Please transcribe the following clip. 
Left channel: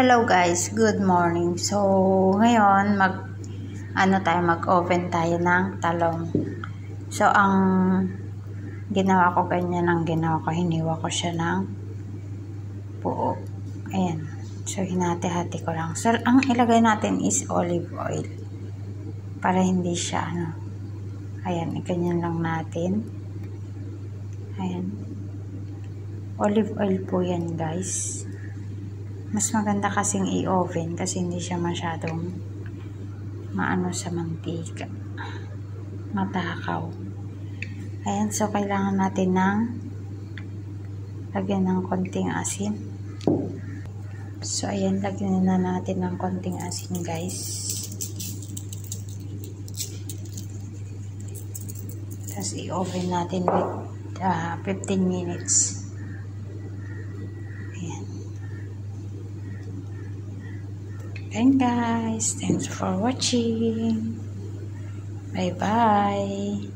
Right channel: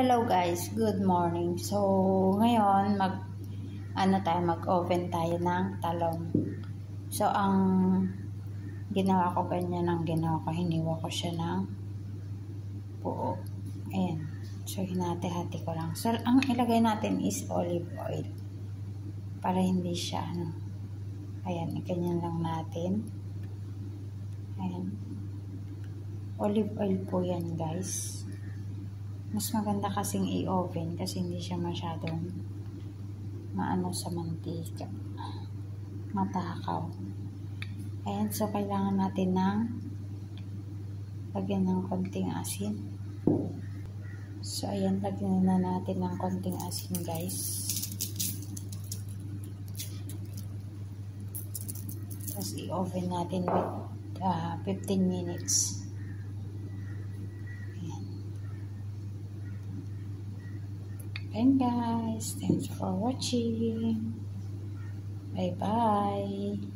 Hello guys, good morning. So, ngayon mag-oven tayo ng talong. So, ang ginawa ko hiniwa ko siya ng buo. Ayan. So, hinati-hati ko lang. So, ang ilagay natin is olive oil. Para hindi siya ayan, iganyan lang natin. Ayan. Olive oil po yan guys. Mas maganda kasing i-oven kasi hindi siya masyadong maano sa mantika. Matakaw. Ayan, so kailangan natin lagyan ng konting asin. So, ayan, lagyan na natin ng konting asin guys. Tapos i-oven natin with 15 minutes. And guys, thanks for watching. Bye bye.